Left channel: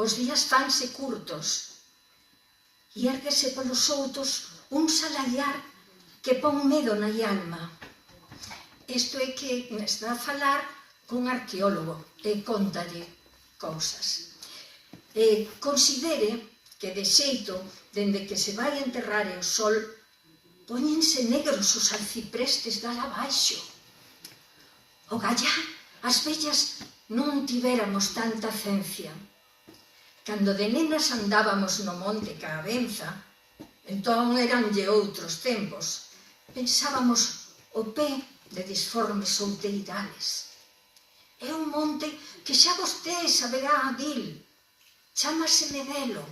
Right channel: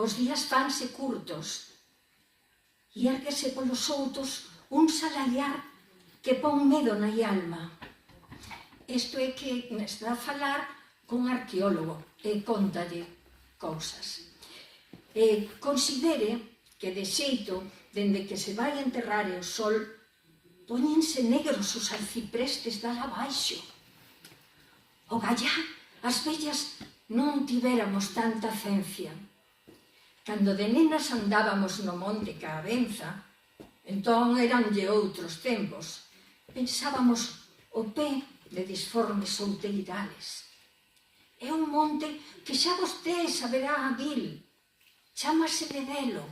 os días fanse curtos e érguese polos outos un salaiar que pon medo na alma. Isto é que está a falar cun arqueólogo e contalle cousas. Considere que de xeito, dende que se vai enterrar o sol, póñense negros os arciprestes dala abaixo. O gallá, as vellas non tivéramos tanta ciencia. Cando de nenas andábamos no monte ca benza, entón eranlle outros tempos, pensábamos o pé de disformes solteirales. É un monte que xa vostede saberá dil, chámase Medelo.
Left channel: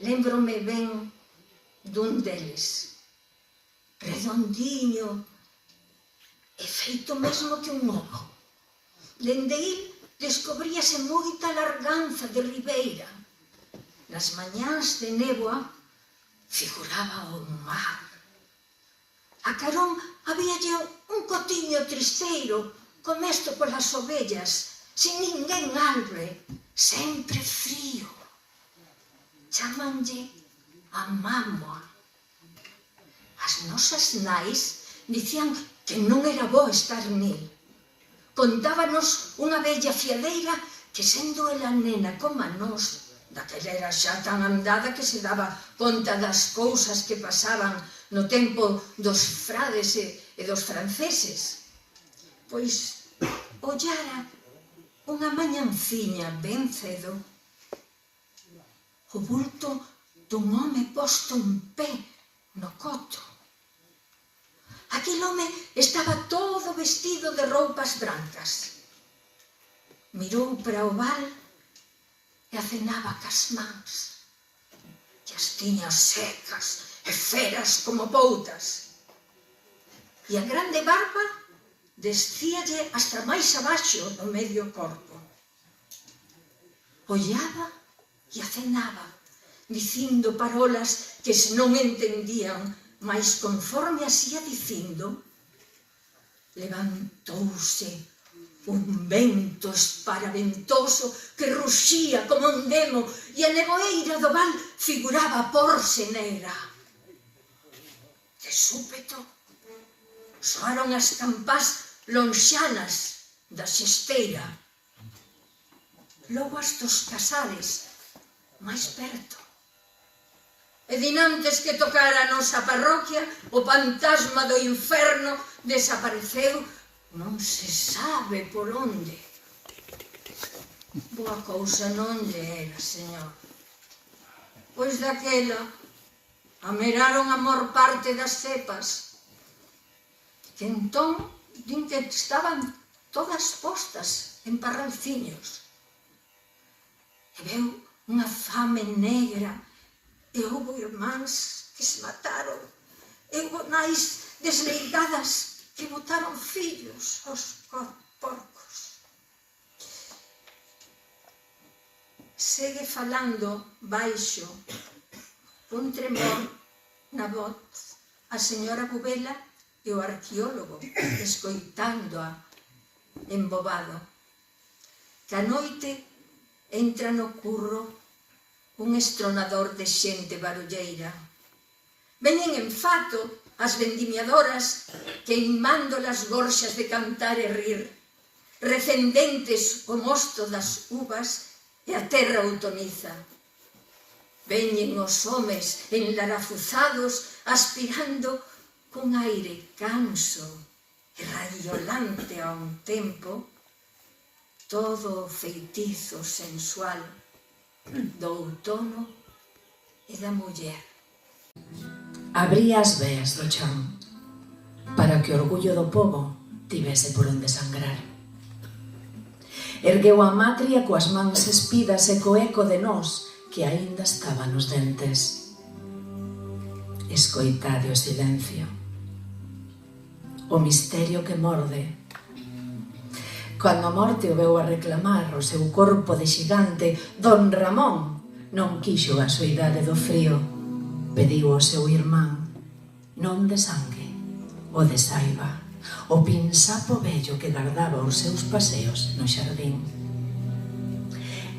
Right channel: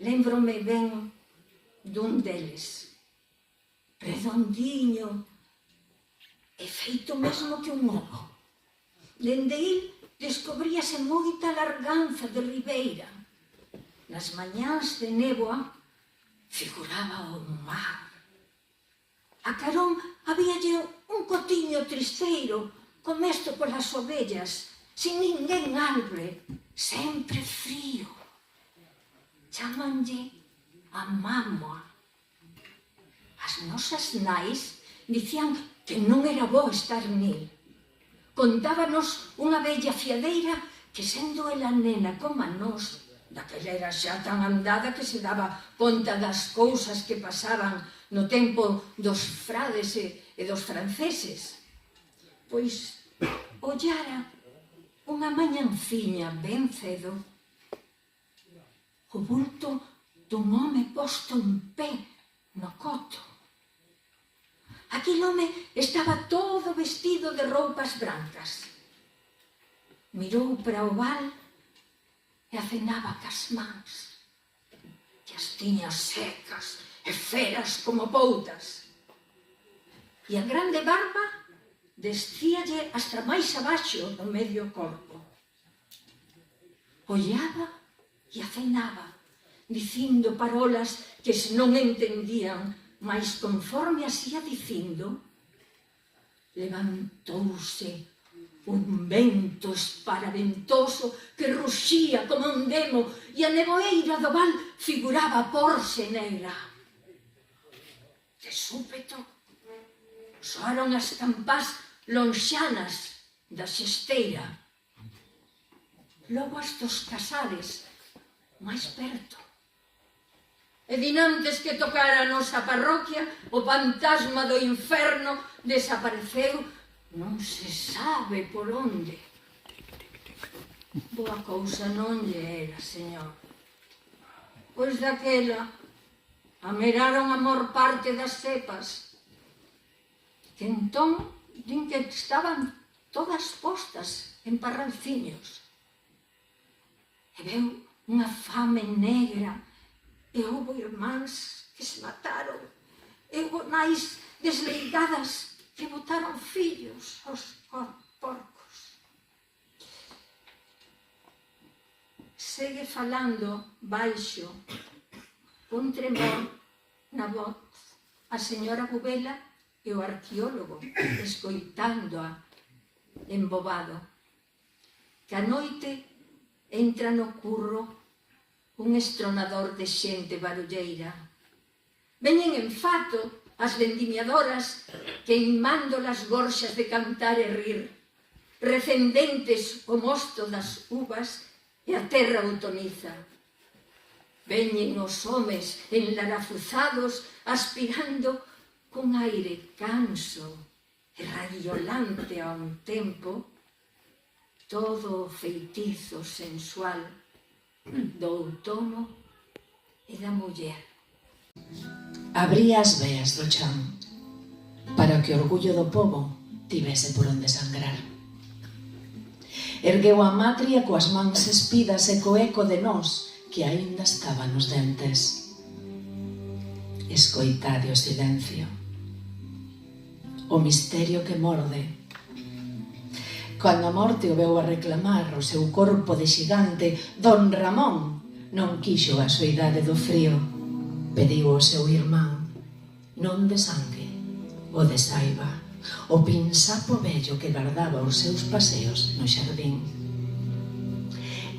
Lembrome ben dun deles, redondiño e feito mesmo que un ovo. Dende il descobríase moita larganza de ribeira. Nas mañáns de néboa figuraba o mar. A carón habíalle un cotiño tristeiro comesto polas ovellas, sin ninguén albre, sempre frío. Chámanlle a mámoa. As nosas nais dicían que non era bo estar nil. Contábanos unha vella fiadeira que, sendo ela nena como a nós, daquela era xa tan andada que se daba conta das cousas que pasaban no tempo dos frades e dos franceses, pois ollara unha mañanciña ben cedo o vulto dun home posto en pé no coto. Aquel home estaba todo vestido de roupas brancas. Mirou para o val e acenaba cas mans. E as tiña secas e feras como poutas. E a grande barba descíalle hasta máis abaixo do medio corpo. Ollaba e acenaba, dicindo parolas que se non entendían, mas conforme as ia dicindo, levantouse un vento esparaventoso que ruxía como un demo e a neboeira do val figuraba porse negra. De súpeto, soaron as campás lonxanas da xesteira, logo as dos casares máis perto. E dinantes que tocara a nosa parroquia, o fantasma do inferno desapareceu non se sabe por onde. Boa cousa non lle era, señor. Pois daquela ameraron a mor parte das cepas, que entón din que estaban todas postas en parralciños. E veu unha fame negra, e houbo irmáns que se mataron, e houbo nais desleigadas que botaron fillos aos porcos. Segue falando baixo, con tremor na voz, a señora Bubela e o arqueólogo, escoitándoa embobado. Que a noite entra no curro un estronador de xente barulleira. Veñen en fato as vendimiadoras queimando las gorxas de cantar e rir, recendentes o mosto das uvas e a terra outoniza. Veñen os homes enlarafuzados aspirando cun aire canso e radiolante a un tempo, todo o feitizo sensual do outono e da muller. Abría as veas do chan para que o orgullo do pobo tivese por onde sangrar. Ergueu a matria coas mans espidas e co eco de nós que aínda estaba nos dentes. Escoitade o silencio, o misterio que morde. Cando a morte o veu a reclamar o seu corpo de xigante, don Ramón non quixo a soidade do frío. Pediu ao seu irmán, non de sangue, o de saiva, o pinsapo vello que guardaba os seus paseos no xardín.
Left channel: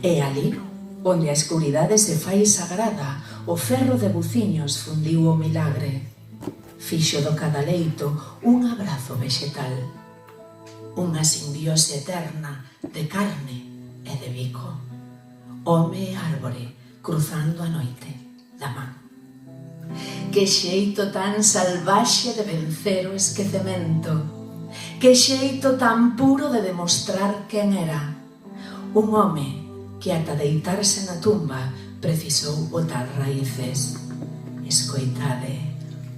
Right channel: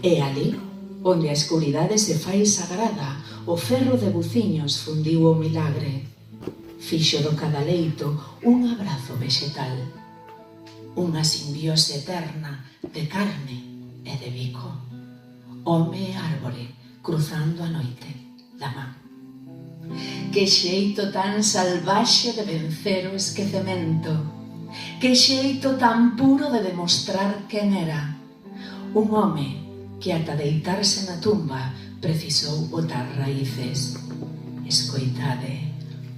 E ali, onde a escuridade se fai sagrada, o ferro de buciños fundiu o milagre. Fixo do cadaleito un abrazo vexetal, unha simbiose eterna de carne e de bico. Home e árbore cruzando a noite da man. Que xeito tan salvaxe de vencer o esquecemento, que xeito tan puro de demostrar quen era. Un home que ata deitarse na tumba precisou botar raíces. Escoitade,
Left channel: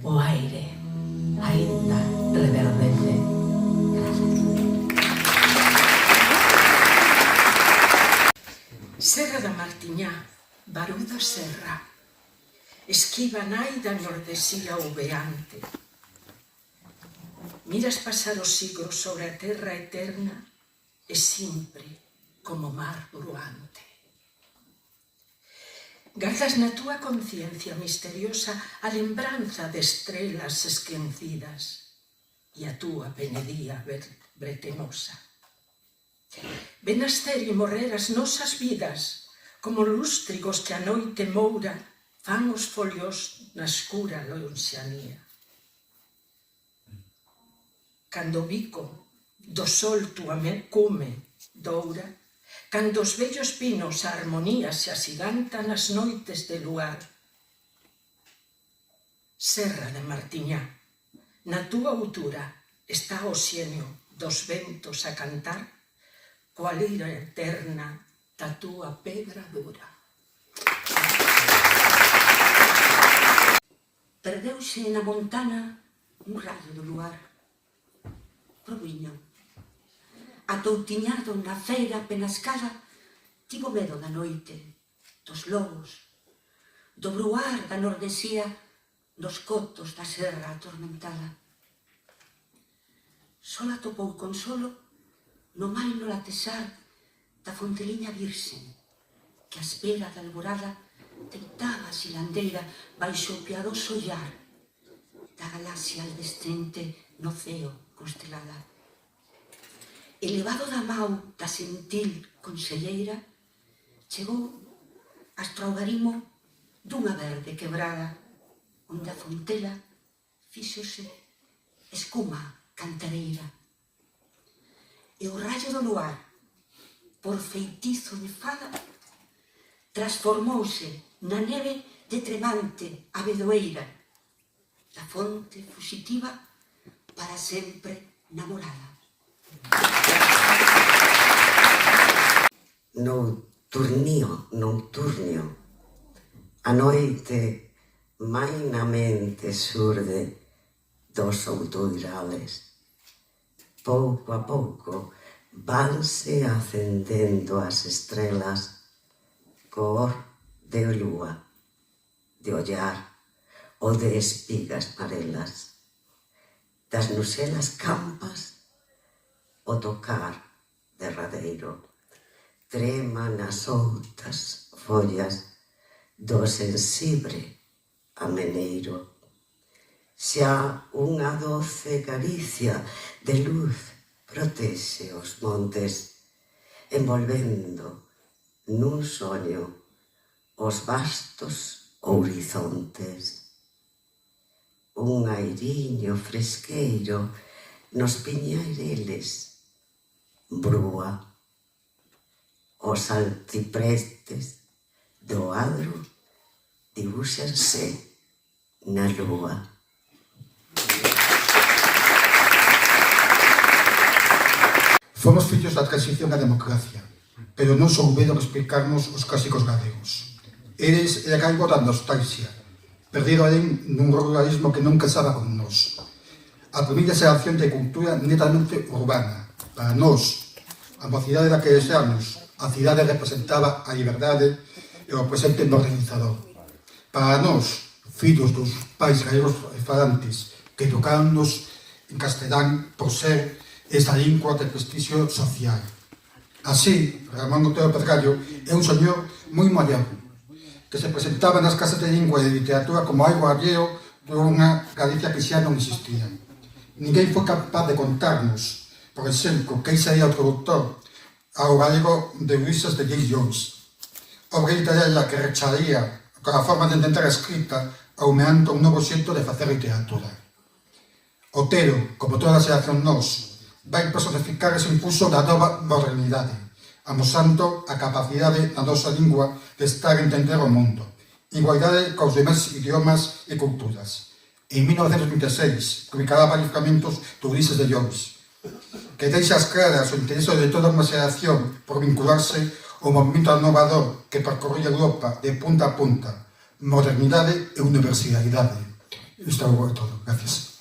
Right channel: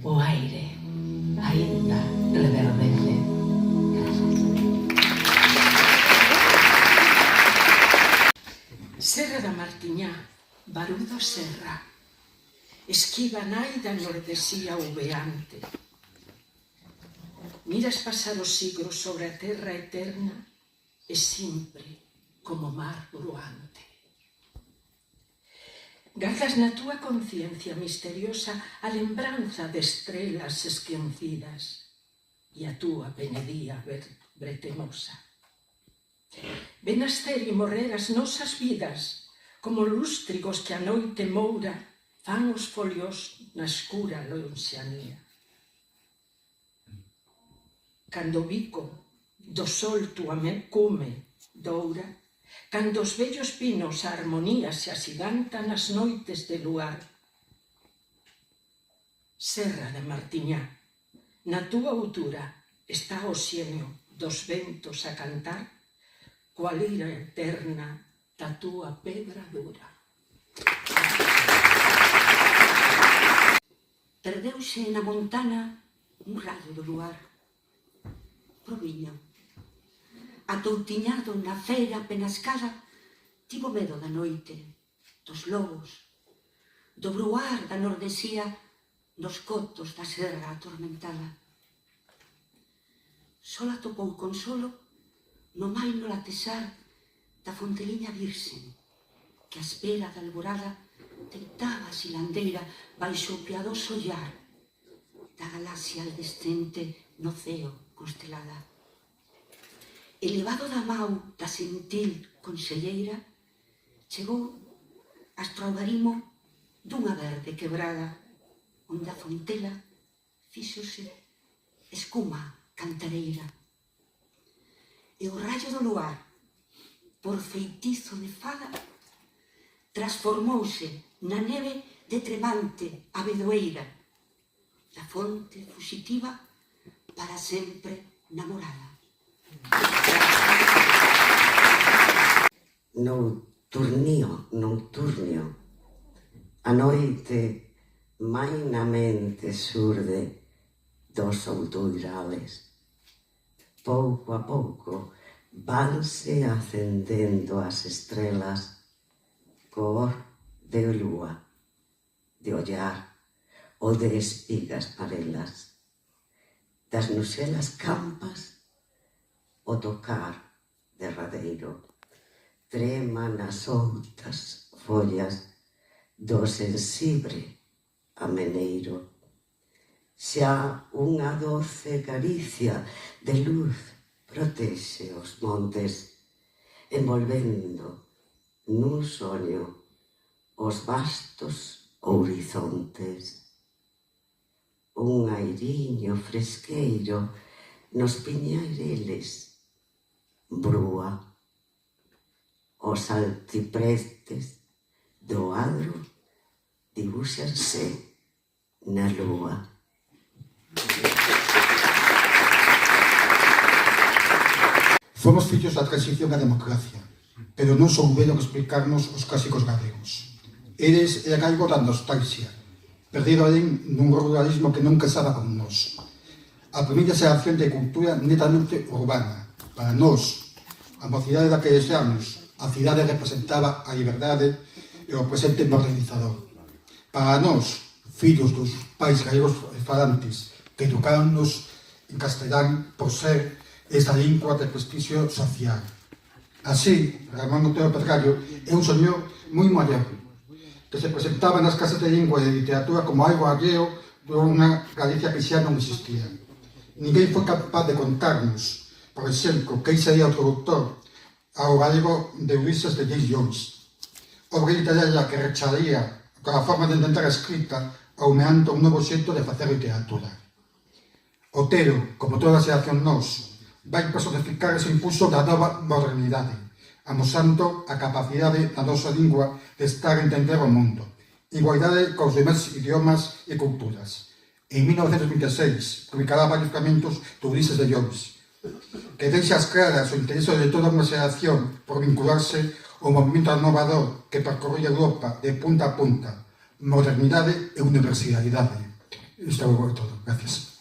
o aire aínda reverdece. Serra da Martiñá, Barú da Serra, esquiva nai da nordesía uveante. Miras pasar os siglos sobre a terra eterna e sempre como mar bruante. Gardas na túa conciencia misteriosa a lembranza de estrelas esquecidas e a túa penedía bretenosa. Ven nascer e morrer as nosas vidas como lústrigos que a noite moura fan os folios na escura lonxanía. Cando o bico do sol túa cume doura, cando os vellos pinos a armonía se asigantan nas noites de luar. Serra de Martiñá, na túa altura está o xenio dos ventos a cantar coa lira eterna da túa pedra dura. Perdeuse na montana un rayo do luar. Proviño. Atoutiñado na feira penascada, tivo medo da noite, dos lobos, do bruar da nordesía, dos cotos da serra atormentada. Só atopou consolo no maino latesar da fonteliña virxen, que a espera da alborada tentaba a silandeira baixo o piadoso ollar da galaxia aldescente no ceo constelada. Elevado da mau da sentil conselleira, chegou hasta o garimo dunha verde quebrada, onde a fontela fíxose escuma cantareira. E o rayo do luar, por feitizo de fada, transformouse na neve de tremante abedoeira, da fonte fuxitiva para sempre namorada. Nocturnio, a noite mainamente xurde dos outoirales. Pouco a pouco vanse acendendo as estrelas cor de lúa, de ollar ou de espigas marelas. Das nuselas campas o tocar derradeiro trema nas outas follas do sensibre ameneiro. Xa unha doce caricia de luz protexe os montes, envolvendo nun soño os vastos horizontes. Un airiño fresqueiro nos piñeireles brúa. Os altiprestes do adro dibúxanse na lúa. Fomos fillos da transición á democracia, pero non souberon explicarnos os clásicos galegos. Eles era algo da nostalgia, perdido alén nun ruralismo que non casaba con nós. A primeira xeración de cultura netamente urbana. Para nós, a mocidade daqueles anos, a cidade representaba a liberdade e o presente modernizador. Para nós, fillos dos pais galegos falantes que educaronnos en castelán por ser esta lingua de prestixio social. Así, Ramón Otero Pergallo é un señor moi mallado, que se presentaba nas casas de lingua e de literatura como algo alleo de unha Galicia que xa non existía. Ninguén foi capaz de contarnos, por exemplo, que sería o traductor ao galego de Ulises de James Joyce. Obra literaria que recharía a forma de intentar a escrita aumeando un novo xeito de facer literatura. Otero, como toda a xeración nós, vai personificar ese impulso da nova modernidade, amosando a capacidade da nosa lingua de estar a entender o mundo, igualdade cos demais idiomas e culturas. En 1926, publicará varios fragmentos de Ulises de Joyce, que deixa as claras o interese de toda unha xeración por vincularse ao movimento renovador que percorría Europa de punta a punta, modernidade e universalidade. Isto é todo. Gracias.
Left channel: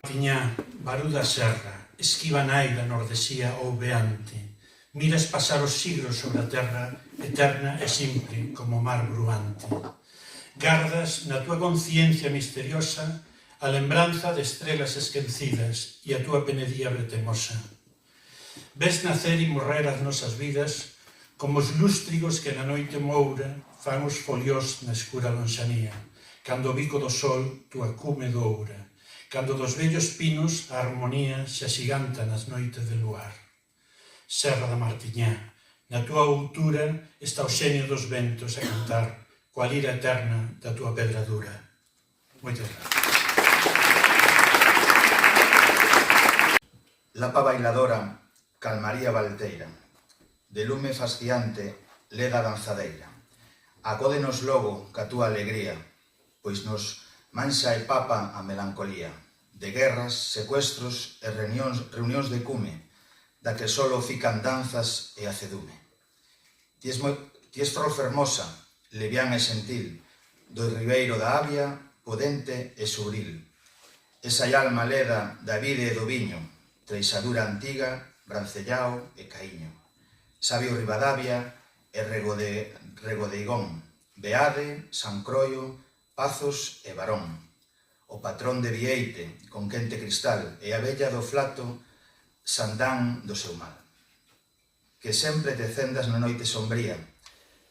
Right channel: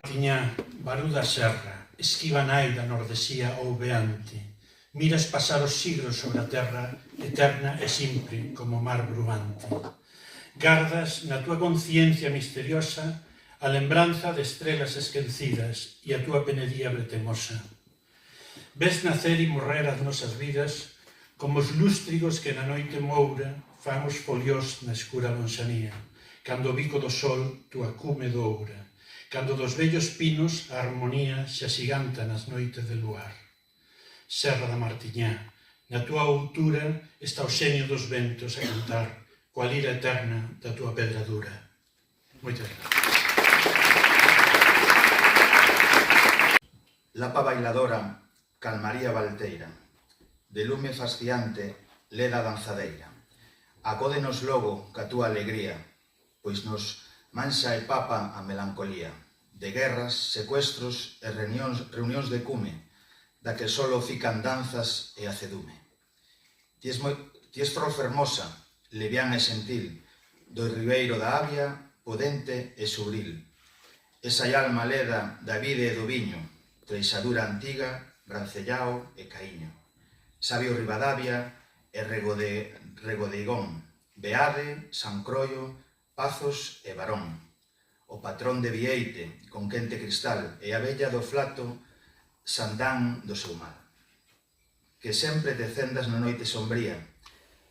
Martiñá, barú da serra, esquiva nai da nordesía ouveante, miras pasar os siglos sobre a terra eterna e simple como mar bruante. Gardas na túa conciencia misteriosa a lembranza de estrelas esquecidas e a túa penedía bretemosa. Ves nacer e morrer as nosas vidas como os lústrigos que na noite moura fan os foliós na escura lonxanía, cando o bico do sol túa cume doura, cando dos vellos pinos a armonía se axiganta nas noites de luar. Serra da Martiñá, na túa altura está o xenio dos ventos a cantar coa lira eterna da túa pedra dura. Moitas gracias. Lapa bailadora, calmaría valteira, de lume fasciante, leda danzadeira. Acódenos logo ca túa alegría, pois nos mansa e papa a melancolía, de guerras, secuestros e reunións de cume, da que solo fican danzas e acedume. Ti es flor fermosa, levián e sentil, do ribeiro da Avia, pudente e subril. Esa alma leda da vide e do viño, treixadura antiga, brancellao e caíño. Sabio Ribadavia e Regodeigón, Beade, San Croio, Pazos e Barón. O patrón de Vieite, con quente cristal, e a bella do flato, Sandán do seu mal. Que sempre te cendas na noite sombría,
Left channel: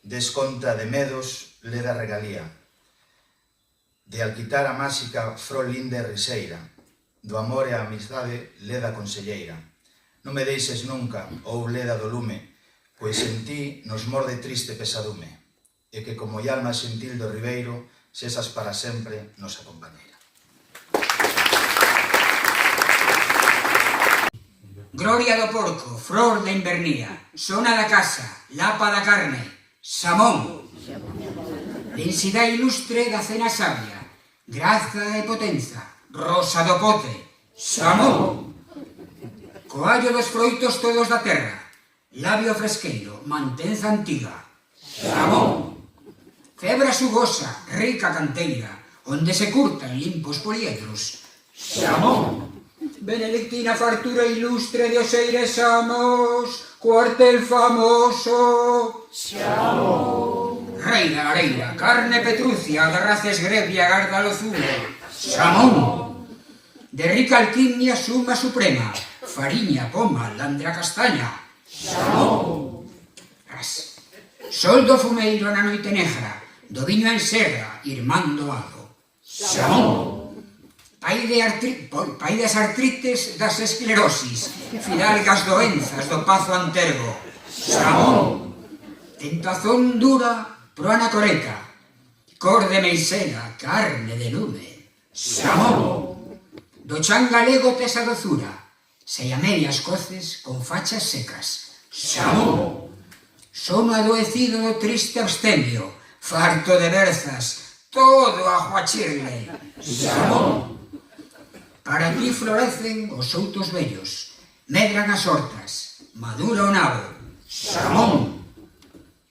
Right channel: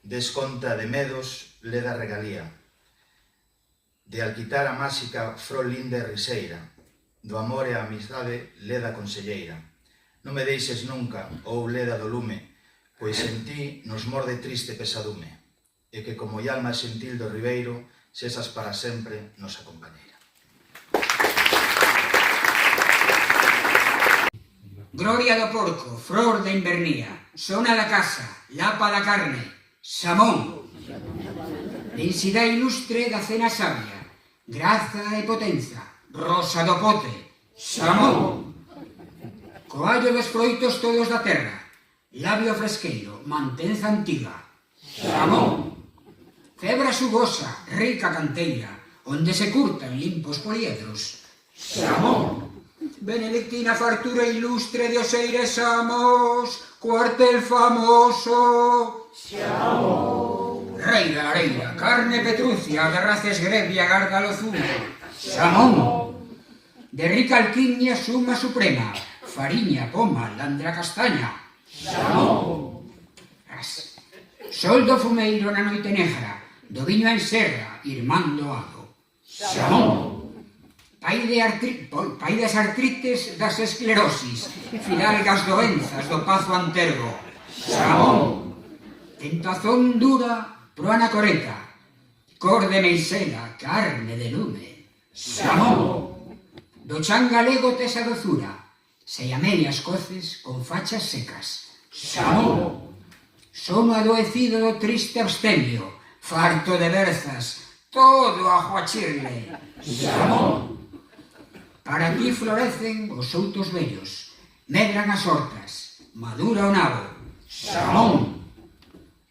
desconta de medos, leda regalía. De alquitar a máxica frol linda e riseira, do amor e a amizade, leda conselleira. Non me deixes nunca, ou leda do lume, pois en ti nos morde triste pesadume, e que como alma xentil do ribeiro, sesas para sempre nosa compañeira. Gloria do porco, flor da invernía, sona da casa, lapa da carne, Samón. Densidade ilustre da cena sabia, graza e potenza, rosa do pote, Samón. Coallo dos froitos todos da terra, labio fresqueiro, mantenza antiga, Samón. Febra sugosa, rica canteira, onde se curtan limpos poliedros, Samón. Benedictina fartura ilustre de Oseires Samos, cuartel famoso, Samón. Rei da lareira, carne petrucia, de races grevia, garda lozume, Samón. De rica alquimia suma suprema, fariña, poma, landra castaña, Samón. Sol do fumeiro na noite negra, do viño en serra, irmán doado, Samón. Pai das artrites, das esclerosis, fidalgas doenzas do pazo antergo, Samón. Tentazón dura pro anacoreta, cor de meixera, carne de lume, Samón. Do chan galego tes a dozura, se a medias coces con fachas secas, Samón. Sono adoecido do triste abstemio, farto de berzas, todo a juachirle, Samón. Para ti florecen os soutos vellos, medran as hortas, madura o nabo, Samón.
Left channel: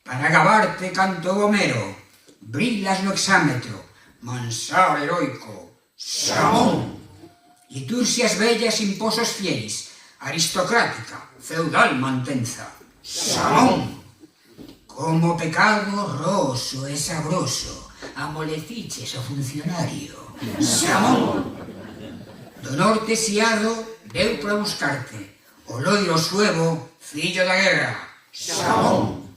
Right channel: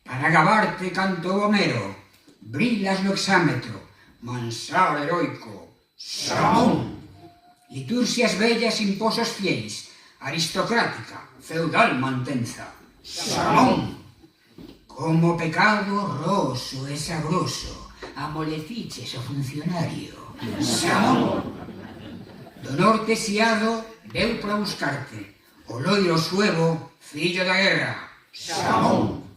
Para gabarte cantou Homero, brillas no exámetro, mansar heroico, Samón. Liturxias bellas imposos fieis, aristocrática, feudal mantenza, Samón. Como pecado roso e sabroso, amoleciches o funcionario, Samón. Do norte siado veu para buscarte, o loiro suevo, fillo da guerra, Samón.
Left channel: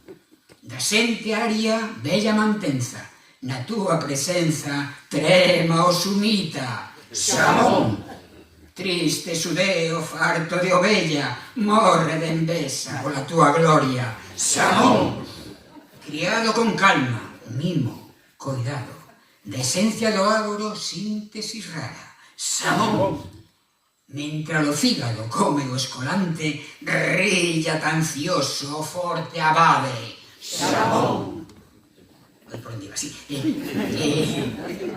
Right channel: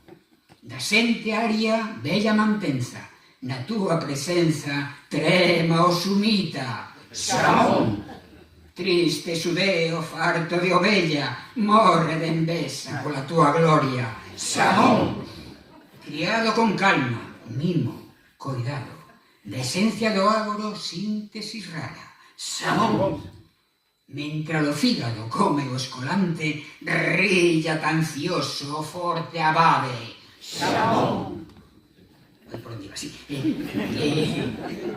Da xente aria, bella mantenza, na túa presenza, trema o sumita, Samón. Triste Sudeo, farto de ovella, morre de envesa pola túa gloria. Samón! Criado con calma, mimo, cuidado, de esencia do ágoro, síntesis rara. Samón! Mentre o fígado come o escolante, rilla tan cioso o forte abade. Samón! Vai por onde iba, así.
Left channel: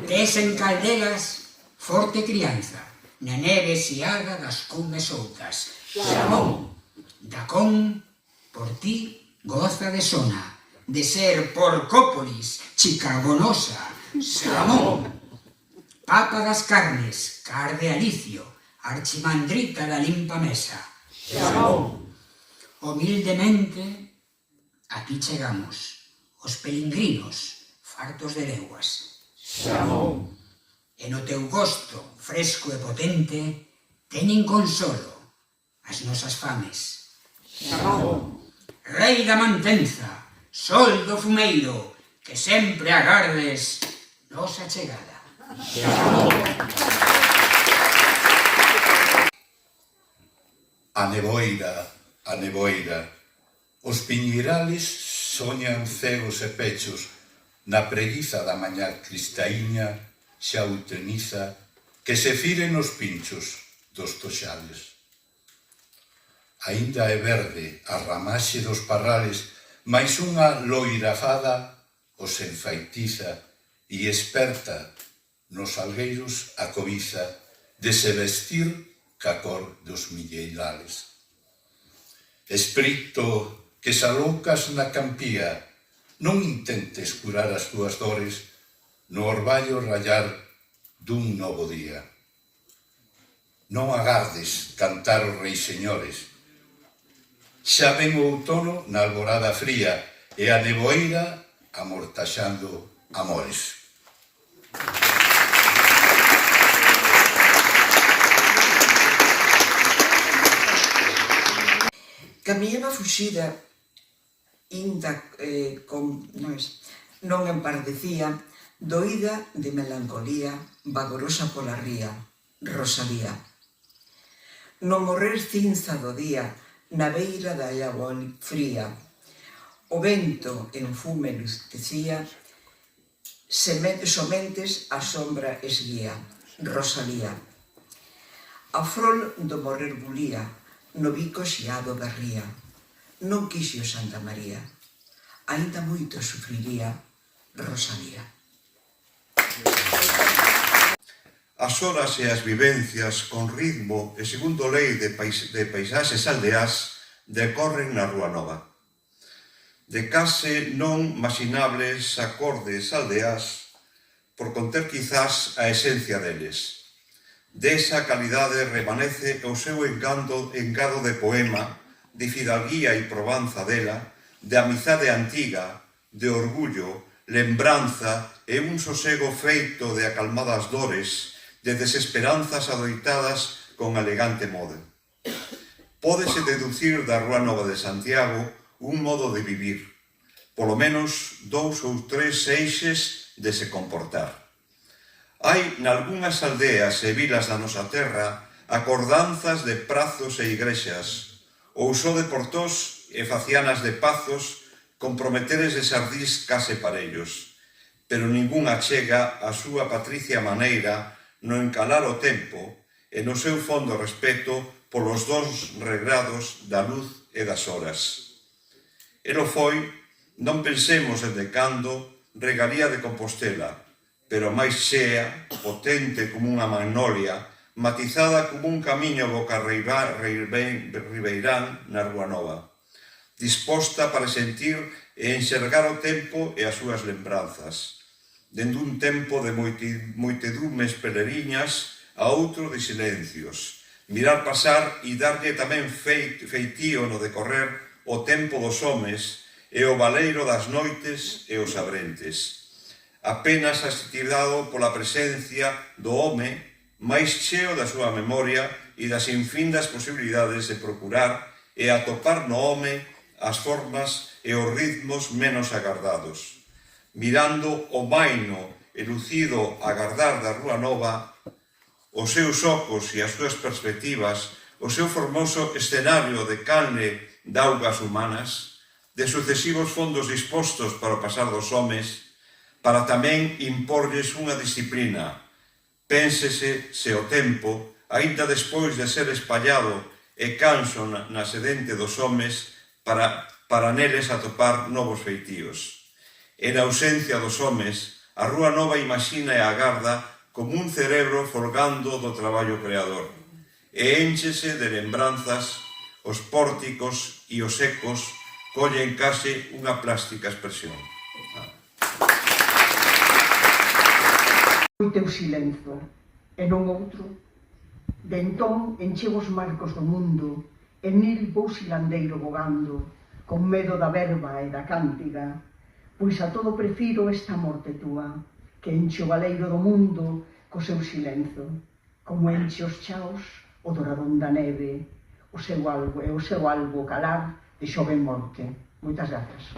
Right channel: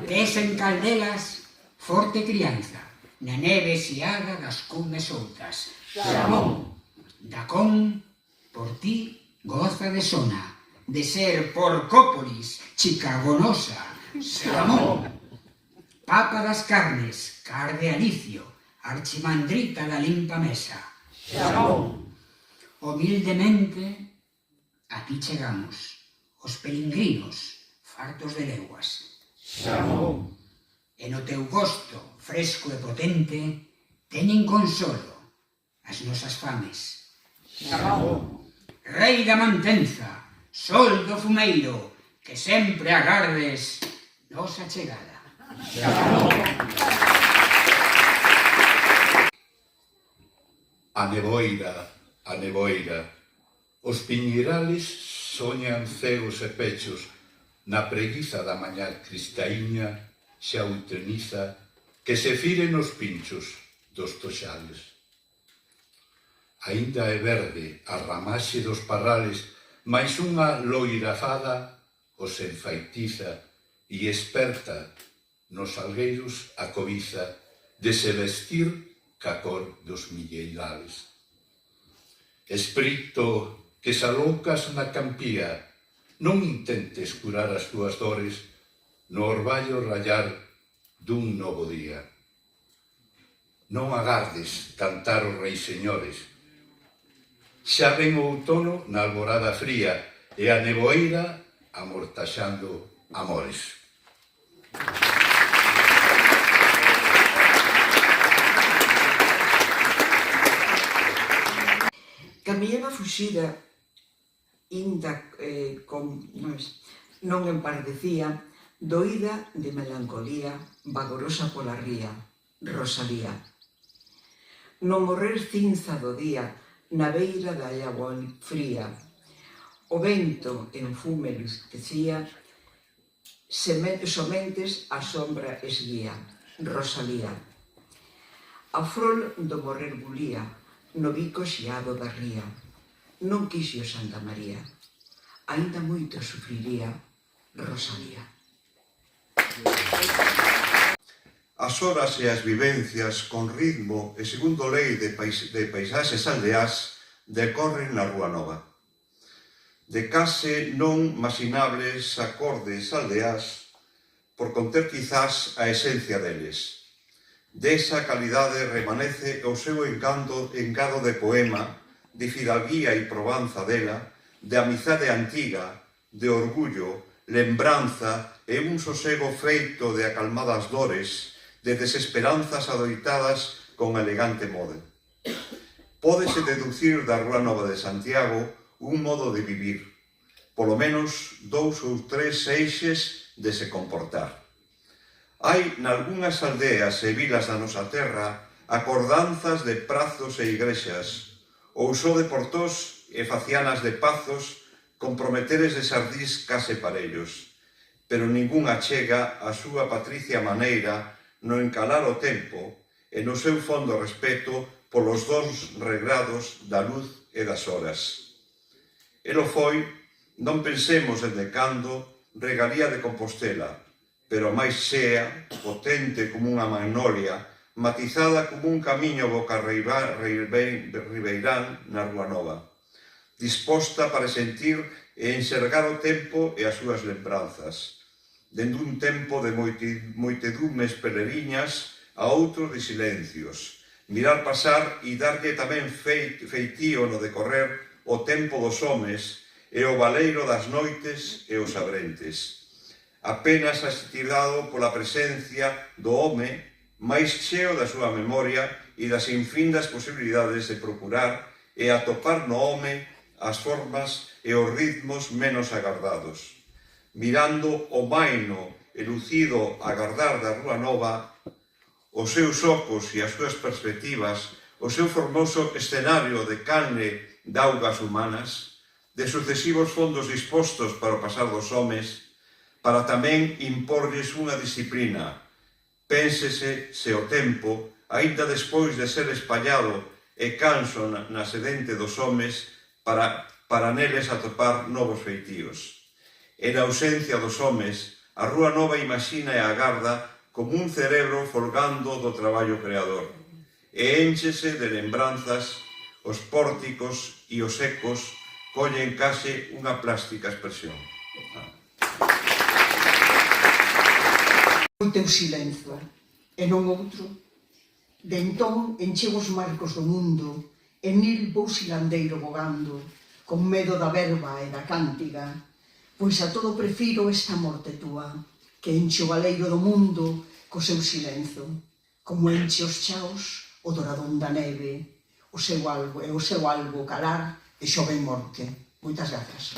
Tes en calderas forte crianza, na neve xiada das cumes outas. Samón! Dacón, por ti, goza de sona, de ser Porcópolis, chicagonosa. Samón! Papa das carnes, car de Alicio, archimandrita da limpa mesa. Samón! Humildemente, aquí chegamos, os pelingrinos, fartos de leguas. Samón! E no teu gosto, fresco e potente, teñen consolo as nosas fames. Samón! Rei da mantenza, sol do fumeiro, que sempre agardes nosa chegada. Samón! A neboeira, os piñirales soñan cegos e pechos, na preguiza da mañá cristaíña xa uteniza, que se firen os pinchos dos toxales. Aínda é verde a ramaxe dos parrales, mais unha loira fada os enfaitiza e esperta nos algueiros a cobiza de se vestir ca cor dos milleirales. Espírito que se alocas na campía, non intentes curar as túas dores no orballo rayar dun novo día. Non agardes cantar os reis señores. Xa ven o outono na alborada fría e a neboeira amortaxando amores. Camiñaba fuxida, inda non empardecía, doída de melancolía, vagorosa pola ría, Rosalía. No morrer cinza do día, na beira da agua fría, o vento en fume luztecía, somentes a sombra esguía, Rosalía. A frol do morrer bulía, no bico xiado da ría, non quixo Santa María, aínda moito sufriría, Rosalía. As horas e as vivencias con ritmo e segundo lei de paisaxes aldeás decorren na Rúa Nova. De case non maxinables acordes aldeás por conter quizás a esencia deles. Desa calidade remanece o seu engado de poema, de fidalguía e provanza dela, de amizade antiga, de orgullo, lembranza e un sosego feito de acalmadas dores, de desesperanzas adoitadas con elegante modo. Pódese deducir da Rúa Nova de Santiago un modo de vivir, polo menos 2 ou 3 eixes de se comportar. Hai nalgunhas aldeas e vilas da nosa terra acordanzas de prazos e igrexas, ou só de portós e facianas de pazos comprometeres de sardís case parellos, pero ningunha chega a súa patricia maneira no encalar o tempo e no seu fondo respeto polos dons regrados da luz e das horas. Elo foi, non pensemos en decando, regalía de Compostela, pero máis xea, potente como unha magnolia, matizada como un camiño boca ribeirán na Rúa Nova, disposta para sentir e enxergar o tempo e as súas lembranzas, dende un tempo de moitedumes peleriñas a outro de silencios, mirar pasar e darlle tamén feitío no decorrer o tempo dos homes e o valeiro das noites e os abrentes. Apenas asistirado pola presencia do home máis cheo da súa memoria e das infindas posibilidades de procurar e atopar no home as formas e os ritmos menos agardados. Mirando o maino e lucido agardar da Rúa Nova, os seus ocos e as súas perspectivas, o seu formoso escenario de carne de augas humanas, de sucesivos fondos dispostos para o pasar dos homes, para tamén imporlles unha disciplina. Pénsese se o tempo, aínda despois de ser espallado e canso na sedente dos homes, para neles atopar novos feitíos. En ausencia dos homes, a Rúa Nova imagina e agarda como un cerebro folgando do traballo creador, e énchese de lembranzas, os pórticos e os ecos collen case unha plástica expresión. O teu silenzo, e non outro. De entón encheu os marcos do mundo, e nil vou silandeiro bogando, con medo da verba e da cántiga, pois a todo prefiro esta morte túa, que enche o galeiro do mundo co seu silenzo, como enche os chaos o doradón da neve, o seu albo calar de xove morte. Moitas grazas.